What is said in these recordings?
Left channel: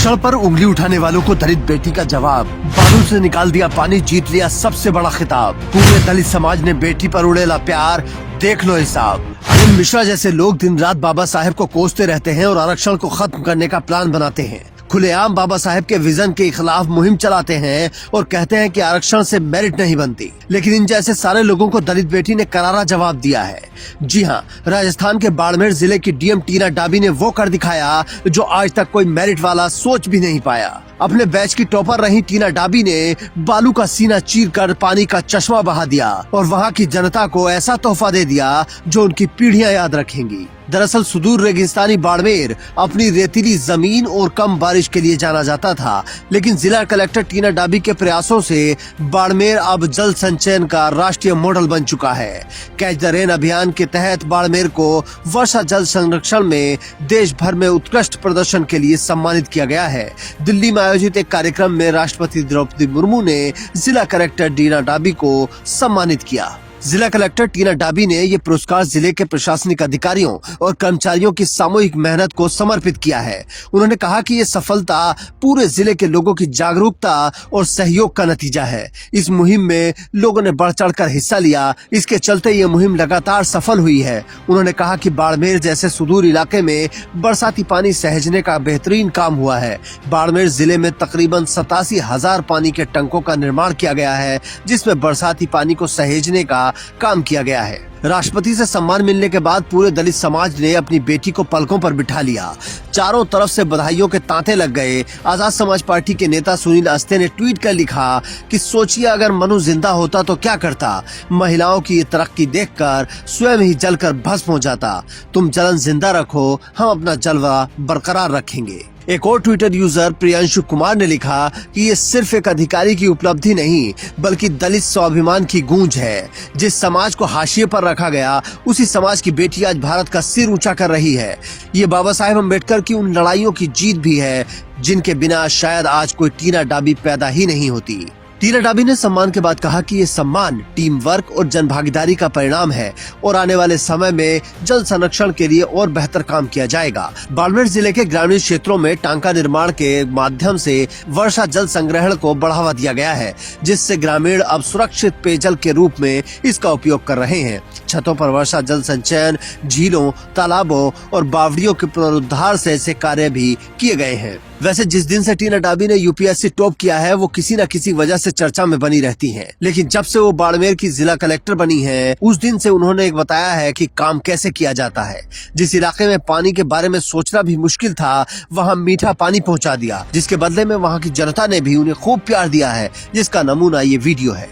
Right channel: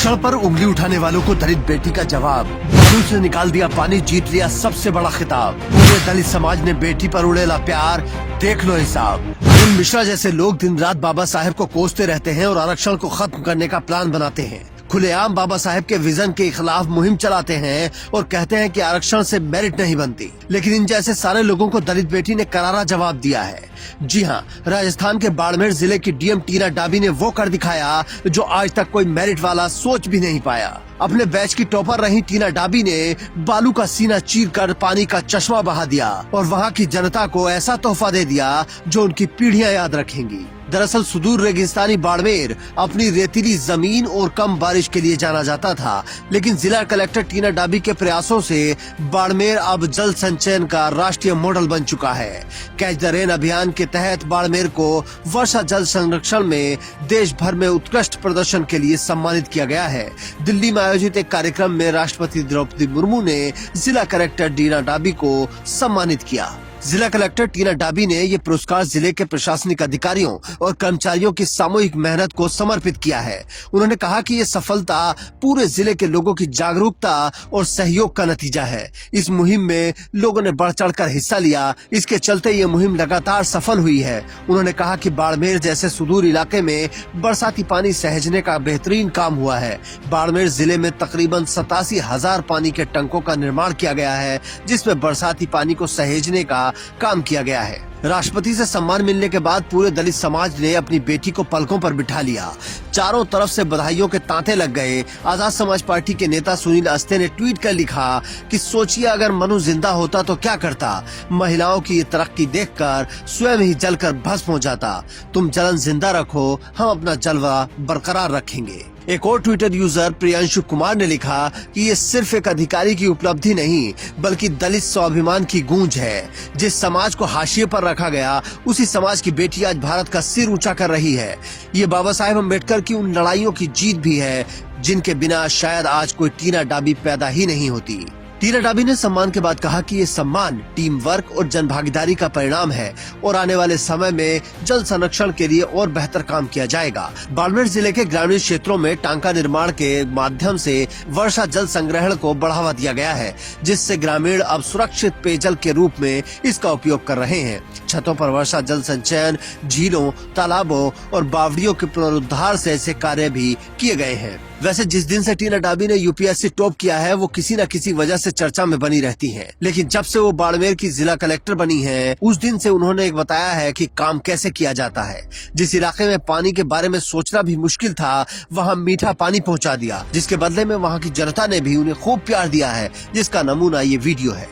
आरक्षण पर उंगली उठाने वालों को दलित बेटी का जवाब। बालू से निकाल दिया पानी, जीत लिया सबसे बड़ा खिताब। पूरे दलित समाज ने बेटी पर उड़ेला प्यार, देख लो हिसाब। अरुण मिश्रा जैसे लोग दिन रात बाबा साहेब को कोसते रहते हैं और आरक्षण को खत्म करने का प्लान बनाते हैं। खुलेआम बाबा साहेब के विजन के खिलाफ मुहिम चलाते हैं और कहते हैं कि आरक्षण से मेरिट नहीं बनती। लेकिन इन जैसे सारे लोगों को दलित बेटी ने करारा जवाब दिया है। जी हाँ, राजस्थान के बाड़मेर जिले की डीएम टीना डाबी ने वो कर दिखाया जो आज तक कोई मेरिट वाला सोच भी नहीं पाया। अपने बैच की टॉपर रही टीना डाबी ने बालू का सीना चीरकर पानी का चश्मा बहा दिया और वहाँ की जनता को ऐसा तोहफा दे दिया जो उनकी पीढ़ियां याद रखेंगी। दरअसल सुदूर रेगिस्तानी बाड़मेर अपनी रेतीली जमीन और कम बारिश के लिए जाना जाता था, लेकिन जिला कलेक्टर टीना डाबी के प्रयासों से बाड़मेर अब जल संचयन का राष्ट्रीय मॉडल बन चुका है। कैच द रेन अभियान के तहत बाड़मेर को वर्षा जल संरक्षण में देश भर में उत्कृष्ट प्रदर्शन के लिए सम्मानित किया गया है। दिल्ली में आयोजित एक कार्यक्रम में राष्ट्रपति द्रौपदी मुर्मू ने जिला कलेक्टर टीना डाबी को सम्मानित किया। जिला कलेक्टर टीना डाबी ने ये पुरस्कार जिले के प्रशासनिक अधिकारियों और कर्मचारियों की सामूहिक मेहनत को समर्पित किया है। उन्होंने कहा कि ये सफलता पूरे जिले के लोगों की जागरूकता और सहयोग का नतीजा है। इस मुहिम में लोगों ने बढ़ चढ़कर हिस्सा लिया, इसके चलते ये मुहिम लगातार सफल हुई है। उन्होंने कहा कि बाड़मेर जैसे सुदूर इलाके में बरसाती पानी सहेजने का बेहतरीन काम हुआ है। बाड़मेर जिले में तकरीबन 87,000 पानी के टंकों का निर्माण किया गया है, जिसमें बरसाती पानी को सहेजने का काम किया गया है। राष्ट्रपति से सम्मान मिलने के बाद पूरे दलित समाज ने अपनी बेटी को पलकों पर बिठा लिया। चारों तरफ से बधाइयों के तांते लग गए। आजाद समाज पार्टी के नेता सुनील अस्ते ने ट्वीट कर लिखा कि सोचिए अगर मनु जिंदा होता तो क्या करता। महिलाओं की ये तरक्की देखकर स्वयं ही जलकर भस्म हो जाता। तुम जलन जिंदा रखो, हम अपना जलवा बरकरार रखेंगे। एक और ट्विटर यूजर प्रियांशु कुमार ने लिखा कि ये सिर्फ एक अधिकारी की उपलब्धि नहीं बल्कि दलित स्वाभिमान की गूंज है। जिस समाज को हाशिए पर रखा गया उसी समाज की बेटी आज भारत का सिर ऊंचा कर रही है। ये बाबा साहेब अम्बेडकर की उन लड़ाइयों की जीत भी है जिनके बिना शायद आज कोई टीना डाबी पैदा ही नहीं होती। टीना डाबी ने सम्मान के बाद कहा कि ये सम्मान टीम वर्क और जन भागीदारी का परिणाम है और आने वाले समय में जल संरक्षण के लिए और बेहतर काम किया जाएगा। बाड़मेर जिले के ग्रामीण क्षेत्रों में टांका निर्माण के माध्यम से वर्षा जल संग्रहण को बढ़ावा दिया गया है, जिससे ग्रामीण अब सुरक्षित पेयजल के रूप में इसका उपयोग कर रहे हैं। छतों पर वर्षा जल संचयन, झीलों, तालाबों और बावड़ियों के पुनरुद्धार से ऐसे कार्य भी किए गए हैं। वैसे जिस दिन से टीना डाबी ने यूपीएससी टॉप किया है वो किसी न किसी वजह से चर्चा में बनी रहती हैं। लेकिन जब से वो बाड़मेर की जिला कलेक्टर बनी है उस दिन से उन्होंने एक बताया है कि काम कैसे किया जाता है। जिस इलाके में पानी के बारे में सोचना भी मुश्किल था वहाँ मीठा पानी पहुँचा दिया, जिसके बदले में वहाँ की जनता ने भी उन्हें खूब प्यार दिया है, जिसका नमूना ये वीडियो है।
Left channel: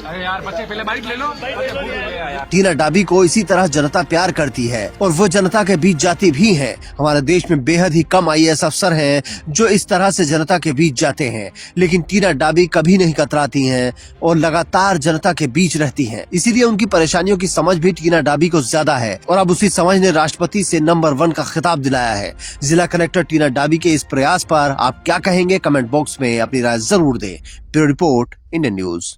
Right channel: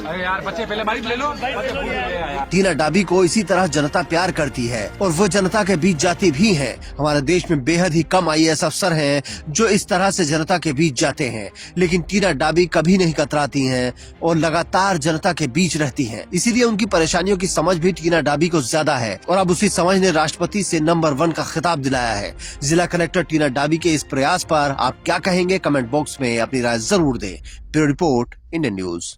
अरे यार बच्चे पहले बाइक ले लो। टीना डाबी को इसी तरह जनता प्यार करती है और वो जनता के बीच जाती भी है। हमारे देश में बेहद ही कम आईएएस अफसर हैं जो इस तरह से जनता के बीच जाते हैं, लेकिन टीना डाबी कभी नहीं कतराती हैं और लगातार जनता के बीच रहती हैं। इसीलिए उनकी परेशानियों की समझ भी टीना डाबी को ज्यादा है और अब उसी समझ ने राष्ट्रपति से नंबर 1 का खिताब दिलाया है। जिला कलेक्टर टीना डाबी के इस प्रयास पर आप क्या कहेंगे? कमेंट बॉक्स में अपनी राय जरूर दें। Bureau report, Indian news.